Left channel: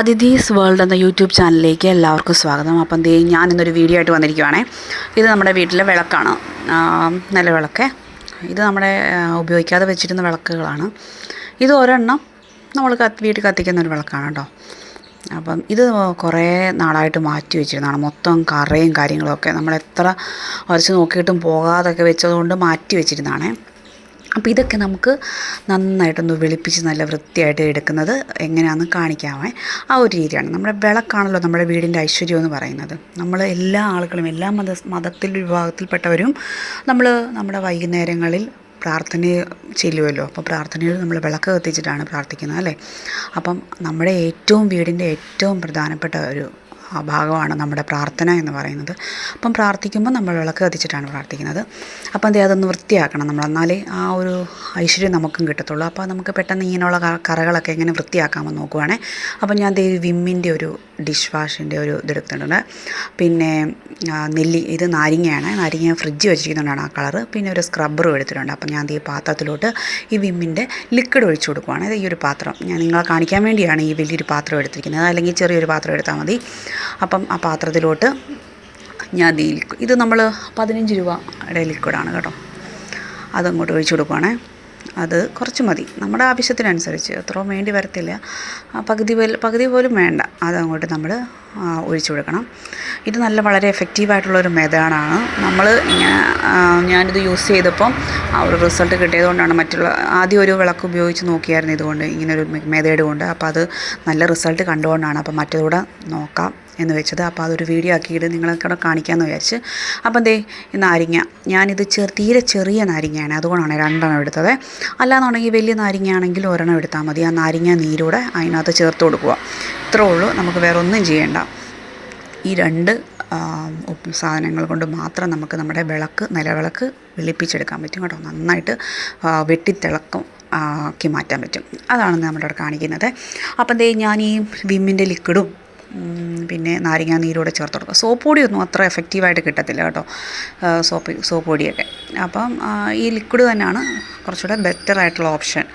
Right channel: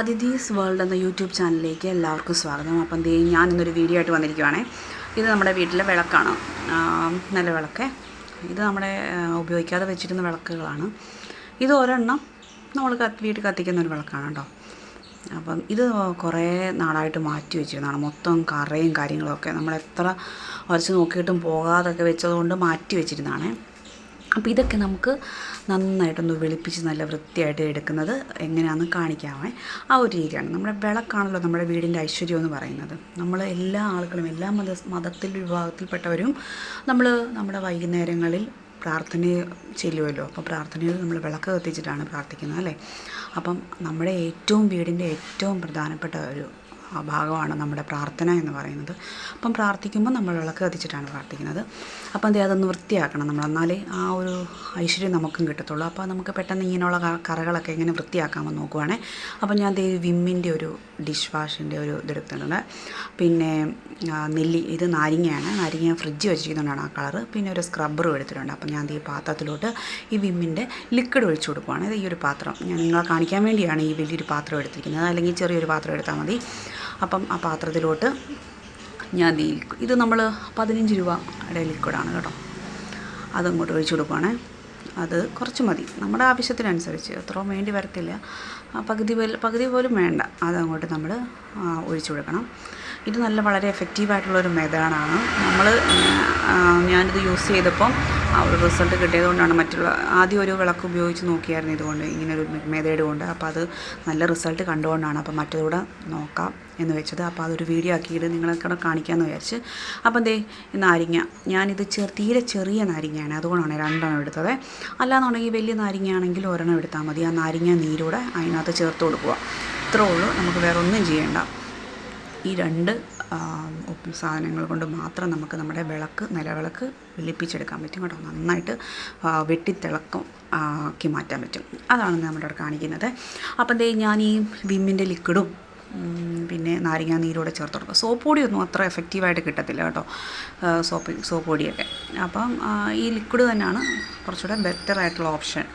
Athithi's world എന്ന YouTube ചാനലിലേക്ക് എല്ലാവർക്കും സ്വാഗതം. അപ്പം ദേ ഞാൻ ഇന്നൊരു വീഡിയോ ആയിട്ട് വന്നിരിക്കുവാണേ. ഇത് നമ്മുടെ വീട്ടിലെ വിളക്കാണ്. നല്ല വിളക്ക്. ഇത് നമ്മുടെ ഉപയോഗിക്കാതെ വെച്ചിരുന്ന വിളക്കുകളാണ്. ഇത് ഒരെണ്ണം നമ്മൾ കത്തി വീട്ടിൽ കത്തിക്കുന്ന ഒരു വിളക്കാണ് കേട്ടോ. അപ്പം ഇത് കുറേ നാളായിട്ട് മാറ്റി വെച്ചിരുന്നതാണ്. മൊത്തം കറയും കാര്യങ്ങളൊക്കെ നമ്മൾ എത്ര വരച്ച് നോക്കിയിട്ടും പോകാതൊക്കെ വെച്ചതുകൊണ്ട് മാറ്റി വെച്ചിരുന്നതാണേ. അപ്പോൾ ഇതൊക്കെ നമുക്ക് നന്നായിട്ടൊന്ന് വെളുപ്പിച്ച് നല്ല വൃത്തിയായിട്ട് എടുക്കുന്നത് എങ്ങനെയാണെന്ന് കാണിക്കാമേ. ആ ഒരു രീതിയാണ്. നമ്മുടെ വിളക്കാണല്ലോ നമ്മുടെ വീടിന്റെ ഐശ്വര്യം എന്ന് പറയുന്നത്. നമ്മൾ എല്ലാ ആളുകളും എല്ലാ മത മതത്തിൽ വിഭാഗത്തിൽപ്പെട്ടവരും നമ്മൾ നമ്മുടെ വൈകുന്നേരങ്ങളിൽ പ്രാർത്ഥന ചെല്ലുമല്ലോ അപ്പോൾ പ്രാർത്ഥനയിൽ നമ്മൾ വിളക്ക് കത്തിച്ചിട്ടാണ് പ്രാർത്ഥിക്കുന്നത് അല്ലേ? അപ്പം നമ്മുടെ ഏറ്റവും വീടിന്റെ ഏറ്റവും പ്രധാനപ്പെട്ട ഒരു ഭാഗമാണ് നമ്മുടെ പ്രാർത്ഥന എന്ന് പറയുന്നത്. അപ്പം പ്രാർത്ഥിക്കുമ്പോൾ നമ്മൾ വിളക്ക് കത്തിച്ചിട്ടാണ് പ്രാർത്ഥിക്കുന്നത്. അപ്പം എന്തേ അതൊന്ന് വൃത്തിയാക്കണം നമ്മൾ. എന്നാലേ ആ ഒരു ഐശ്വര്യം നമുക്കും കിട്ടത്തുള്ളൂ. അപ്പോൾ നമുക്ക് പെട്ടെന്ന് ഇങ്ങനെയുള്ള കറകളൊക്കെ എങ്ങനെ വൃത്തിയാക്കാമെന്ന് നോക്കുവാണേ. അപ്പം ഞാൻ ദേ വിമ്മിന്റെ ഒരു ഡിഷ് വാഷിന്റെ ഒരു ഇതെടുത്തിട്ടുണ്ട് പിന്നെ നെല്ലി ഇത് നാരങ്ങയാണ്. നാരങ്ങ ഫ്രിഡ്ജ് വെച്ചിരിക്കുന്നതുകൊണ്ടാണ് ആ കളറ്. പിന്നെ ഒരു സ്ക്രബ്ബറും എടുത്തിട്ടുണ്ട്. അപ്പം ഞാൻ ഈ പാത്രത്തിലോട്ട് ഈ വിമ്മിന്റെ ലിക്വിഡ് ഒഴിച്ചു കൊടുക്കുവാണ്. ഈ ഒരു പാത്രം. ഞാൻ നിങ്ങളെ കാണിക്കാൻ വേണ്ടിയാണ് ഈ വലിയൊരു പാത്രം എടുത്തിരിക്കുന്നത്. അല്ലെങ്കിൽ ചെറിയൊരു പാത്രം എടുത്താൽ മതി. അപ്പം ആ പാത്രത്തിലോട്ട് ഞാൻ ഈ ഇത് നമ്മൾ പതിനഞ്ച് രൂപയുടെ ലിക്വിഡാണ് കേട്ടോ. അതങ്ങോട്ട് ഒഴിച്ചു കൊടുക്കുവാണേ. അത് കുറച്ച് മതി. നമ്മുടെ ആവശ്യത്തിനനുസരിച്ച്. അത്രയും വേണ്ടി വരത്തില്ല. പകുതി പകുതി പോലും വേണ്ട. അതങ്ങോട്ട് നമ്മൾ ഒഴിച്ചു കൊടുക്കണം. ഇത് നല്ല വളരെ എഫക്റ്റീവായിട്ടുള്ളൊരു മെത്തേഡാണ് നമ്മൾ ഞാനിത് യൂസ് ചെയ്തപ്പം ആ ഒരു റിസൾട്ട് കിട്ടിയതുകൊണ്ടാണ് മറ്റുള്ള ആദ്യം ഒരു വിളക്ക് ഉപയോഗിച്ച് നോക്കിയായിരുന്നു ഇതുകൊണ്ട് ഇങ്ങനൊരു മെത്തേഡ് കൊണ്ട്. അപ്പോൾ അത് നല്ല റിസൾട്ട് കണ്ടുകൊണ്ടാണ് അപ്പോൾ മറ്റേതൂടെ നോക്കാം. എന്ന് വെച്ചത്. അപ്പോൾ അതൊരു വീഡിയോ ആക്കിയിട്ട് നിങ്ങളെ കാണിക്കാമെന്ന് വിചാരിച്ച്. അപ്പം ദേ നാരിങ്ങ. ഞാനിത് ചെറു തീരെ ചെറിയ നാരങ്ങയാണ്. അതുകൊണ്ടാണ് രണ്ടെണ്ണം എടുത്തത്. അല്ലാന്നുണ്ടെങ്കിൽ വലിയ നാരിങ്ങയാണെങ്കിൽ ഒരെണ്ണം എടുത്താൽ മതി. ആ നാരങ്ങ നീരൂടെ അതിനകത്ത് ചേർത്ത് കൊടുക്കുക. ഇത്രേ ഉള്ളൂ. നമുക്ക് വേറെ ഒന്നും ചെയ്യേണ്ട. ഈ രണ്ട് സാധനങ്ങൾ കൊണ്ട് മാത്രം നമുക്ക് നമ്മുടെ വിളക്ക് നിലവിളക്ക് വെളുപ്പിച്ചെടുക്കാൻ പറ്റും കേട്ടോ. നന്നായിട്ട് വെട്ടിത്തിളക്കം ആക്കി മാറ്റാൻ പറ്റും. അതാണ് നമ്മളിവിടെ കാണിക്കുന്നത്. അപ്പം ദേ ഞാൻ ഈ വിമ്മിന്റെ ലിക്വിഡും പിന്നെ നാരങ്ങാ നീരോടെ ചേർത്ത് കൊടുക്കുക സോപ്പ് പൊടിയൊന്നും അത്ര എഫക്റ്റീവായിട്ട് കിട്ടത്തില്ല കേട്ടോ. സോപ്പ് സോപ്പ് പൊടിയൊക്കെ. അപ്പം ഈ ലിക്വിഡ് തന്നെയാണ് കുറച്ചുകൂടെ ബെറ്റർ ആയിട്ടുള്ള ഓപ്ഷൻ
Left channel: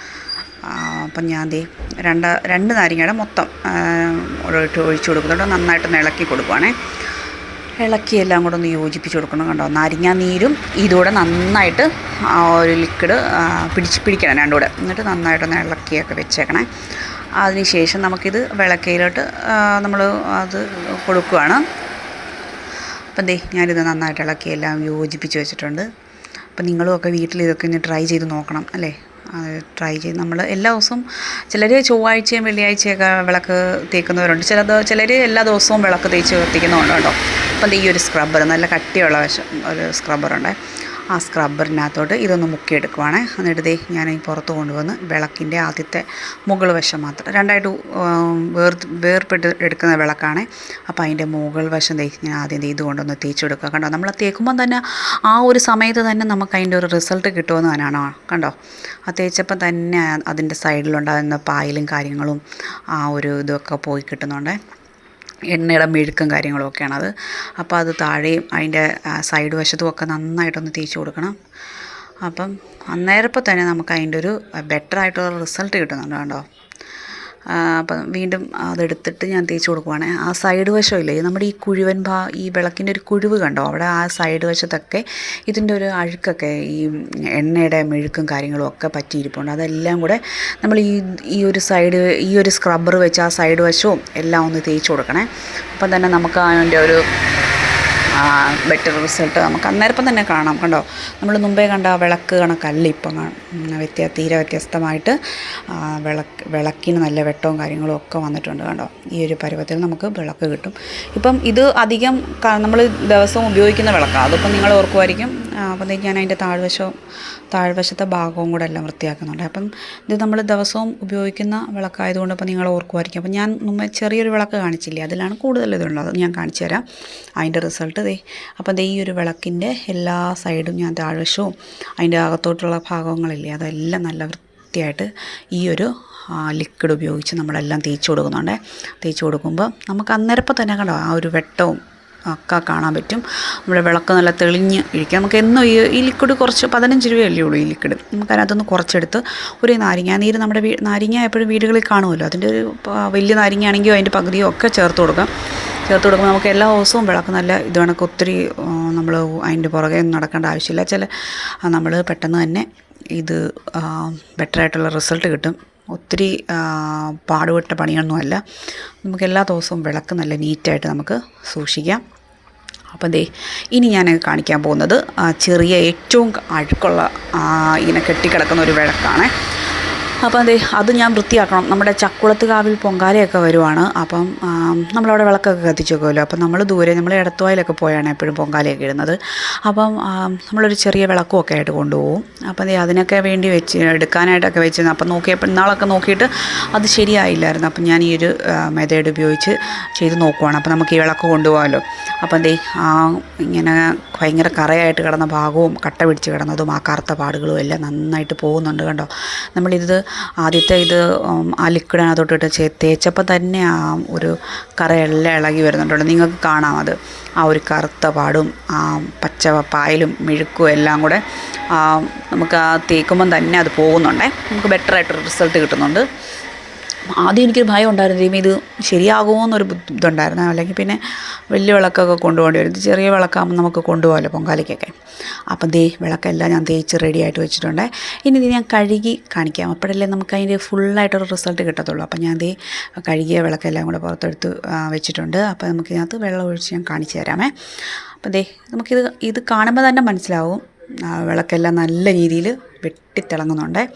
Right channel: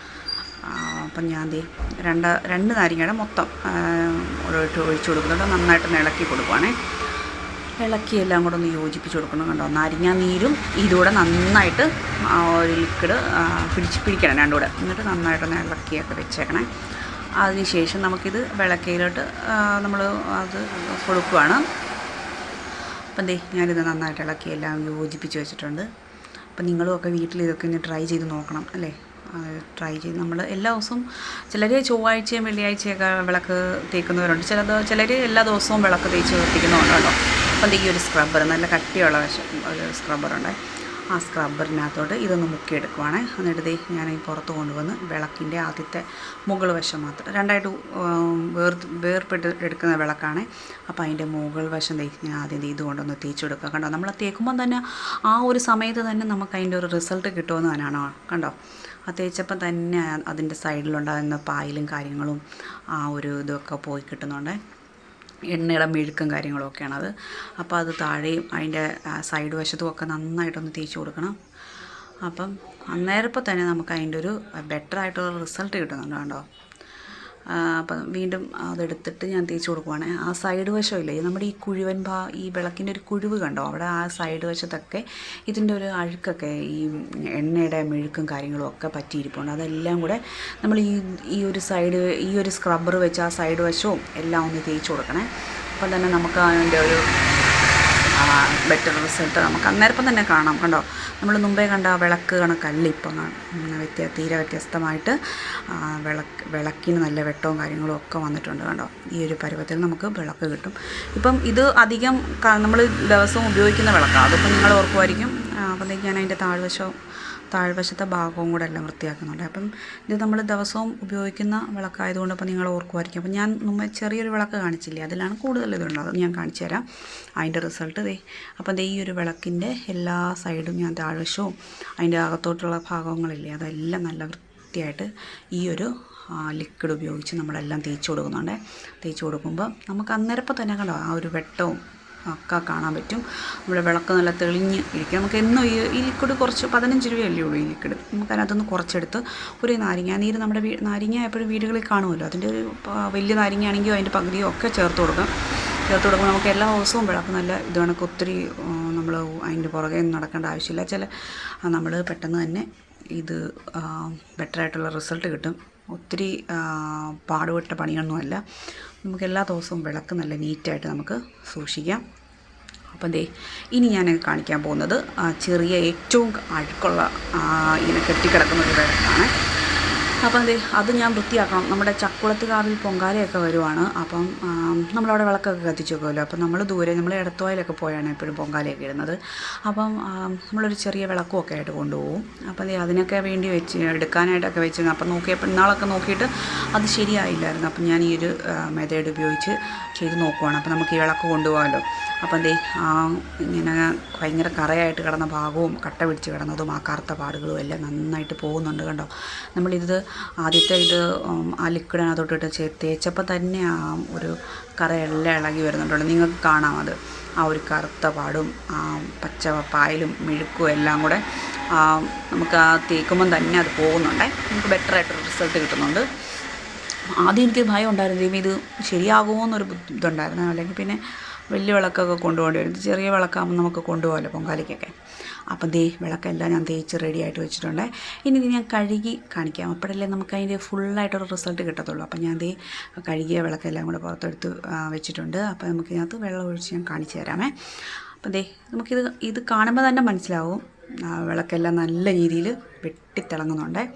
അപ്പം ഞാൻ ദേ രണ്ട് രണ്ട് നാരങ്ങയുടെ മൊത്തം ഒഴിച്ച് ഒഴിച്ച് കൊടുക്കുന്നുണ്ട് നന്നായിട്ട് ഇളക്കി കൊടുക്കുവാണേ. ഇളക്കി എല്ലാം കൂടെ ഒന്ന് യോജിപ്പിച്ച് കൊടുക്കണം കണ്ടോ. നാരങ്ങ നീരും ഇതുകൂടെ നന്നായിട്ട് ഒരു ലിക്വിഡ് പിടിച്ച് പിടിക്കണം രണ്ടുകൂടെ എന്നിട്ട് നന്നായിട്ടൊന്ന് ഇളക്കിയൊക്കെ വെച്ചേക്കണേ. അതിനുശേഷം നമുക്കിത് വിളക്കയിലോട്ട് നമ്മൾ അത് കൊടുക്കുകയാണ് അപ്പം ദേ ഞാനിത് നന്നായിട്ട് ഇളക്കി എല്ലാം യോജിപ്പിച്ച് വെച്ചിട്ടുണ്ട്. അപ്പം നിങ്ങളും ഒക്കെ വീട്ടിൽ ഇതൊക്കെ ഒന്ന് ട്രൈ ചെയ്ത് നോക്കണം അല്ലേ? ട്രൈ ചെയ്ത് നമ്മൾ എല്ലാ ദിവസവും ചിലർ ചൊവ്വാഴ്ചയും വെള്ളിയാഴ്ചയൊക്കെ വിളക്ക് തേക്കുന്നവരുണ്ട്. ചില ചിലർ എല്ലാ ദിവസവും വിളക്ക് തേച്ച് കത്തിക്കുന്നുണ്ട് കേട്ടോ. അപ്പം ഈ ഒരു സ്ക്രബ്ബർ നല്ല കട്ടിയുള്ള വശം ഒരു സ്ക്രബ്ബറുണ്ട് ആ സ്ക്രബ്ബറിനകത്തോട്ട് ഇതൊന്ന് മുക്കിയെടുക്കുവാണ്. എന്നിട്ട് ദേ ഞാൻ ഈ പുറത്ത് കൊണ്ടുവന്ന് വിളക്കിന്റെ ആദ്യത്തെ മുകൾ വശം മാത്രം രണ്ടായിട്ട് വേർ വേർപെട്ട് എടുക്കുന്ന വിളക്കാണ്. അപ്പോൾ അതിന്റെ മുകൾ വശം ദേ ഞാൻ ആദ്യം ഇത് കൊണ്ടൊന്ന് തേച്ച് കൊടുക്കുക കണ്ടോ? നമ്മൾ തേക്കുമ്പം തന്നെ ആ ഒരു സമയത്ത് തന്നെ നമുക്ക് അതിന്റെ ഒരു റിസൾട്ട് കിട്ടുമെന്ന് തന്നെയാണ് കണ്ടോ? ആ തേച്ചപ്പം തന്നെ അതിന്റെ സൈഡിലുണ്ടാകുന്ന പായലും കാര്യങ്ങളും ആ ഒരു ഇതൊക്കെ പോയി കിട്ടുന്നുണ്ട്. എണ്ണയുടെ മെഴുക്കും കാര്യങ്ങളും അത്. അപ്പോൾ അത് താഴെയും അതിന്റെ സൈഡ് വശത്തും ഒക്കെ നന്നായിട്ടൊന്ന് തേച്ച് കൊടുക്കണം. അപ്പം അന്നേരപ്പം തന്നെ നമുക്ക് അതിന്റെ ഒരു ബെറ്റർ ആയിട്ടുള്ള റിസൾട്ട് കിട്ടുന്നുണ്ട് കണ്ടോ അപ്പം വീണ്ടും അതെടുത്തിട്ട് ഞാൻ തേച്ച് കൊടുക്കുവാണ്. ആ സൈഡ് വശമില്ലേ നമ്മുടെ ഈ കുഴുവൻ ഭാ ഈ വിളക്കിന്റെ ഒരു കുഴിവ് കണ്ടോ? അവിടെ ആ സൈഡ് വശത്തൊക്കെ ഇതിന്റെ ഒരു അഴുക്കൊക്കെ ഈ എണ്ണയുടെ മെഴുക്കും കാര്യങ്ങളും ഒക്കെ പറ്റിയിരിപ്പുണ്ട്. അതെല്ലാം കൂടെ നമ്മൾ ഈ ഈ ഒരു സൈഡ് ഈ ഒരു സ്ക്രബ്ബർ വെച്ച് ആ സൈഡ് വശവും എല്ലാം ഒന്ന് തേച്ച് കൊടുക്കണേ. അപ്പം തന്നെ നമുക്ക് അതിന്റെ ഒരു ബെറ്റർ റിസൾട്ട് നമുക്ക് അന്നേരപ്പം തന്നെ കാണാം. കണ്ടോ? നമ്മൾ മുമ്പേ കണ്ട ആ വിളക്ക് കണക്കല്ല ഇപ്പം വ്യത്യ തീരെ വ്യത്യസ്തമായിട്ട് വിളക്ക് വിളക്കിന് നല്ല വെട്ടവും കാര്യങ്ങളും ഒക്കെ വന്നിട്ടുണ്ട് കണ്ടോ? ഈ ഒരു പരുവത്തിൽ നമുക്ക് വിളക്ക് കിട്ടും. ഇപ്പം ഇത് അധികം നമ്മൾ ദിവസവും ഉപയോഗിക്കുന്ന വിളക്കാണ് അതിപ്പം നിങ്ങൾ ഓർക്കുമായിരിക്കും അപ്പോഴത്തേക്ക് ഞാൻ അതിന്റെ താഴ്വശവും താഴ്വശത്തെ ഭാഗവും കൂടെ എല്ലാം വൃത്തിയാക്കുന്നുണ്ട്. അപ്പം ഇത് നമ്മൾ ദിവസവും ഉപയോഗിക്കുന്ന വിളക്കായതുകൊണ്ട് അപ്പോൾ നിങ്ങൾ ഓർക്കുമായിരിക്കും. അപ്പം ഞാൻ മുമ്പ് ചെറിയൊരു വിളക്ക് കാണിച്ചില്ലേ? അതിലാണ് കൂടുതൽ ഇതുള്ളത്. ഞാൻ കാണിച്ചു തരാം. അതിന്റെ റിസൾട്ട് ദേ അപ്പം ദേ ഈ ഒരു വിളക്കിന്റെ എല്ലാ സൈഡും ഞാൻ താഴ്വശവും അതിന്റെ അകത്തോട്ടുള്ള ഭാഗങ്ങളില്ലേ അതെല്ലാം നല്ല വൃത്തിയായിട്ട് ഈ ഒരു ലിക്വിഡ് ഉപയോഗിച്ച് നമ്മളെല്ലാം തേച്ച് കൊടുക്കുന്നുണ്ട്. തേച്ച് കൊടുക്കുമ്പോൾ നമുക്ക് അന്നേരപ്പം തന്നെ കണ്ടോ ആ ഒരു വെട്ടവും ഒക്കെ കാണാൻ പറ്റും. നമ്മുടെ വിളക്ക് നല്ല തെളിഞ്ഞ് ഇരിക്കും. നമുക്ക് എന്നും ഈ ഈ ലിക്വിഡ് കുറച്ച് പതിനഞ്ച് രൂപയല്ലേ ഉള്ളൂ ഈ ലിക്വിഡ് നമുക്ക് അതിനകത്തൊന്ന് കുറച്ചെടുത്ത് ഒരു നാരങ്ങ നീര് നമ്മുടെ വീ നാരങ്ങ എപ്പോഴും വീടുകളിൽ കാണുമല്ലോ. അതിന്റെ ഒരു വലിയ നാരങ്ങയാണെങ്കിൽ അതിന്റെ പകുതിയോ ഒക്കെ ചേർത്ത് കൊടുക്കാം. ചേർത്ത് കൊടുക്കുമ്പോൾ നമുക്ക് എല്ലാ ദിവസവും വിളക്ക് നല്ല ഇത് കണക്ക് ഒത്തിരി നമ്മൾ അതിന്റെ പുറകെ ഒന്നും നടക്കേണ്ട ആവശ്യമില്ല. ചില നമ്മൾ പെട്ടെന്ന് തന്നെ ഇത് ബെറ്ററായിട്ടുള്ള റിസൾട്ട് കിട്ടും. ഒത്തിരി പാടുപെട്ട പണിയൊന്നുമല്ല നമുക്ക് എല്ലാ ദിവസവും വിളക്ക് നല്ല നീറ്റായിട്ട് നമുക്ക് സൂക്ഷിക്കാം. അപ്പം ദേ ഇനി ഞാൻ കാണിക്കാൻ പോകുന്നത് ചെറിയ ഏറ്റവും അഴുക്കുള്ള ഇങ്ങനെ കെട്ടിക്കിടക്കുന്ന ഒരു വിളക്കാണ്. അപ്പം അതെ അത് ഞാൻ വൃത്തിയാക്കണം. നമ്മുടെ ചക്കുളത്ത് കാവിൽ പൊങ്കാലയൊക്കെ വരുവാണ്. അപ്പം നമ്മളവിടെ വിളക്കൊക്കെ കത്തിച്ചേക്കുമല്ലോ അപ്പം നമ്മൾ ദൂരെ നമ്മൾ ഇടത്തുവായിലൊക്കെ പോയാണ് എപ്പോഴും പൊങ്കാലയൊക്കെ ഇടുന്നത്. അപ്പം നമ്മളൊരു ചെറിയ വിളക്കും ഒക്കെ ആയിട്ട് കൊണ്ടുപോകും. അപ്പം അതെ അതിനൊക്കെ വേണ്ടി വെച്ച് എടുക്കാനായിട്ടൊക്കെ വെച്ചിരുന്നു. അപ്പം നോക്കിയപ്പോൾ ഇന്നാളൊക്കെ നോക്കിയിട്ട് അത് ശരിയായില്ലായിരുന്നു. അപ്പം ഞാൻ ഈ ഒരു മെതേഡ് ഉപയോഗിച്ച് ചെയ്ത് നോക്കുവാണ്. അപ്പം നമുക്ക് ഈ വിളക്ക് കൊണ്ടുപോകാമല്ലോ. അപ്പം ദേ ആ ഇങ്ങനെ ഭയങ്കര കറയായിട്ട് കിടന്ന ഭാഗവും കട്ട പിടിച്ച് കിടന്നതും ആ കറുത്ത പാടുകളും എല്ലാം നന്നായിട്ട് പോകുന്നുണ്ട് കണ്ടോ. നമ്മളിത് ആദ്യത്തെ ഇത് ആ ലിക്വിഡ് അതിനകത്തോട്ടിട്ട് ചേ തേച്ചപ്പോൾ തന്നെ ആ ഒരു കറയെല്ലാം ഇളകി വരുന്നുണ്ട് നിങ്ങൾക്ക് കാണാം അത്. ആ ഒരു കറുത്ത പാടും ആ പച്ച പായലും മെഴുക്കും എല്ലാം കൂടെ നമുക്ക് ആ തേക്കുമ്പം തന്നെ അത് പോകുന്നുണ്ടേ. നമുക്ക് ബെറ്റർ ആയിട്ട് റിസൾട്ട് കിട്ടുന്നുണ്ട്. ആദ്യം എനിക്കൊരു ഭയം ഉണ്ടായിരുന്നു ഇത് ശരിയാകുമോ എന്നൊരു ബുദ്ധിമുട്ടുണ്ടായിരുന്നു അല്ലെങ്കിൽ പിന്നെ വലിയ വിളക്കൊക്കെ കൊണ്ടുപോകേണ്ടി വരും. ചെറിയ വിളക്കാകുമ്പോൾ നമുക്ക് കൊണ്ടുപോകാമല്ലോ പൊങ്കാലയ്ക്കൊക്കെ. അപ്പം ദേ വിളക്കെല്ലാം ഞാൻ തേച്ച് റെഡി ആയിട്ട് വെച്ചിട്ടുണ്ട്. ഇനി ഇത് ഞാൻ കഴുകി കാണിക്കാം. അപ്പോഴല്ലേ നമുക്ക് അതിന്റെ ഫുള്ളായിട്ടൊരു റിസൾട്ട് കിട്ടത്തുള്ളൂ. അപ്പം ഞാൻ ദേ കഴുകിയ വിളക്കെല്ലാം കൂടെ പുറത്തെടുത്ത് വെച്ചിട്ടുണ്ട്. അപ്പോൾ നമുക്ക് ഇതിനകത്ത് വെള്ളം ഒഴിച്ച് ഞാൻ കാണിച്ചു തരാമേ. അപ്പം ദേ നമുക്കിത് ഇത് കാണുമ്പോൾ തന്നെ മനസ്സിലാവും. വിളക്കെല്ലാം നല്ല രീതിയിൽ വെട്ടിത്തിളങ്ങുന്നുണ്ട്.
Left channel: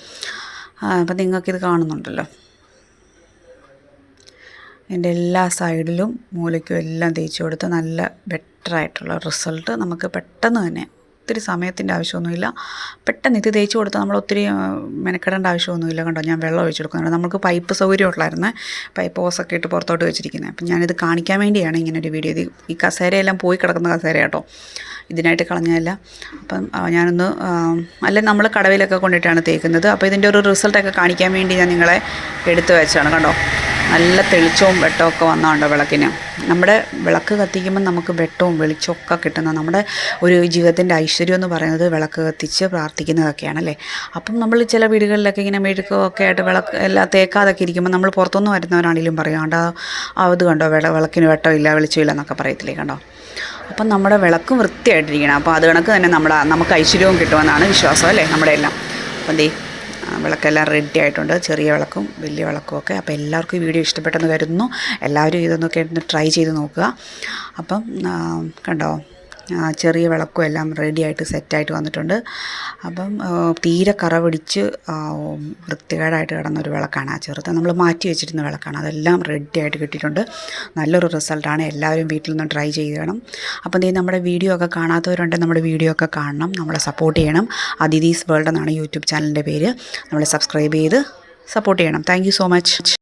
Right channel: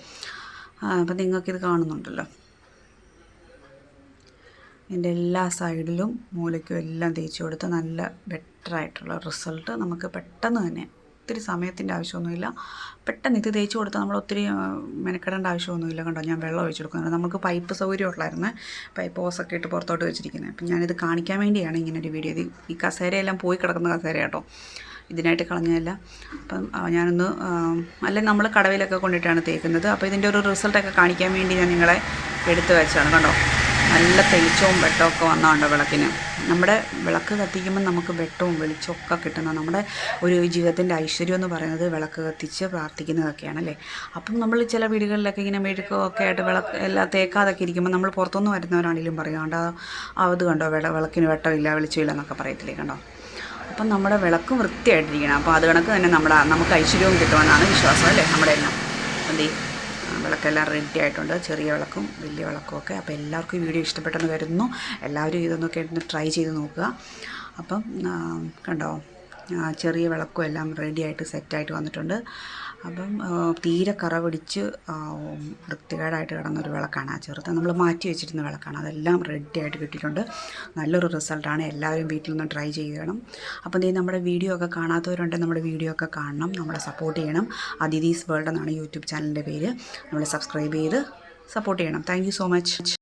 അപ്പം നിങ്ങൾക്കിത് കാണുന്നുണ്ടല്ലോ. എന്റെ എല്ലാ സൈഡിലും മൂലയ്ക്കും എല്ലാം തേച്ച് കൊടുത്ത് നല്ല ബെറ്ററായിട്ടുള്ള റിസൾട്ട് നമുക്ക് പെട്ടെന്ന് തന്നെ ഒത്തിരി സമയത്തിന്റെ ആവശ്യമൊന്നുമില്ല. പെട്ടെന്ന് ഇത് തേച്ച് കൊടുത്താൽ നമ്മൾ ഒത്തിരി മെനക്കെടേണ്ട ആവശ്യമൊന്നുമില്ല കണ്ടോ? ഞാൻ വെള്ളം ഒഴിച്ചു കൊടുക്കുന്നുണ്ട്. നമുക്ക് പൈപ്പ് സൗകര്യം ഉള്ളായിരുന്നു. പൈപ്പ് ഹോസൊക്കെ ഇട്ട് പുറത്തോട്ട് വെച്ചിരിക്കുന്നത് അപ്പം ഞാനിത് കാണിക്കാൻ വേണ്ടിയാണ് ഇങ്ങനെ ഒരു വീഡിയോ ഇത് ഈ കസേരയെല്ലാം പോയി കിടക്കുന്ന കസേര കേട്ടോ. ഇതിനായിട്ട് കളഞ്ഞതല്ല. അപ്പം ഞാനൊന്ന് അല്ല നമ്മൾ കടവിലൊക്കെ കൊണ്ടിട്ടാണ് തേക്കുന്നത്. അപ്പോൾ ഇതിന്റെ ഒരു റിസൾട്ടൊക്കെ കാണിക്കാൻ വേണ്ടി ഞാൻ നിങ്ങളെ എടുത്തു വെച്ചാണ് കണ്ടോ? നല്ല തെളിച്ചവും വെട്ടവും ഒക്കെ വന്നതുണ്ടോ വിളക്കിന്. നമ്മുടെ വിളക്ക് കത്തിക്കുമ്പോൾ നമുക്ക് വെട്ടവും വെളിച്ചവും ഒക്കെ കിട്ടുന്ന നമ്മുടെ ഒരു ജീവിതത്തിന്റെ ഐശ്വര്യം എന്ന് പറയുന്നത് വിളക്ക് കത്തിച്ച് പ്രാർത്ഥിക്കുന്നതൊക്കെയാണ് അല്ലേ? അപ്പം നമ്മൾ ചില വീടുകളിലൊക്കെ ഇങ്ങനെ മെഴുക്കൊക്കെ ആയിട്ട് വിളക്ക് എല്ലാം തേക്കാതൊക്കെ ഇരിക്കുമ്പോൾ നമ്മൾ പുറത്തുനിന്ന് വരുന്നവരാണെങ്കിലും പറയും കണ്ടോ അത് കണ്ടോ വിള വിളക്കിന് വെട്ടമില്ല വെളിച്ചമില്ല എന്നൊക്കെ പറയത്തില്ലേ കണ്ടോ? അപ്പം നമ്മുടെ വിളക്കും വൃത്തിയായിട്ടിരിക്കണം. അപ്പോൾ അത് കണക്ക് തന്നെ നമ്മുടെ നമുക്ക് ഐശ്വര്യവും കിട്ടുമെന്നാണ് വിശ്വാസം അല്ലേ നമ്മുടെ എല്ലാം. അപ്പം വിളക്കെല്ലാം റെഡി ആയിട്ടുണ്ട്. ചെറിയ വിളക്കും വലിയ വിളക്കും ഒക്കെ. അപ്പോൾ എല്ലാവർക്കും ഈ വീഡിയോ ഇഷ്ടപ്പെട്ടെന്ന് കരുതുന്നു. എല്ലാവരും ഇതൊന്നൊക്കെ ട്രൈ ചെയ്ത് നോക്കുക. അപ്പം കണ്ടോ? ചെറിയ വിളക്കും എല്ലാം റെഡി ആയിട്ട് സെറ്റായിട്ട് വന്നിട്ടുണ്ട്. അപ്പം തീരെ കറ പിടിച്ച് വൃത്തികേടായിട്ട് കിടന്നൊരു വിളക്കാണ് ആ ചെറുത്. നമ്മൾ മാറ്റി വെച്ചിരുന്ന വിളക്കാണ്. അതെല്ലാം റെഡി ആയിട്ട് കിട്ടിയിട്ടുണ്ട്. നല്ലൊരു റിസൾട്ടാണ് എല്ലാവരും വീട്ടിൽ നിന്ന് ട്രൈ ചെയ്യണം അപ്പം ദേ നമ്മുടെ വീഡിയോ ഒക്കെ കാണാത്തവരുണ്ടെങ്കിൽ നമ്മുടെ വീഡിയോ ഒക്കെ കാണണം. നമ്മളെ സപ്പോർട്ട് ചെയ്യണം. അതിഥീസ് വേൾഡ് എന്നാണ് യൂട്യൂബ് ചാനലിന്റെ പേര്. നമ്മളെ സബ്സ്ക്രൈബ് ചെയ്ത് സപ്പോർട്ട് ചെയ്യണം. Thank so much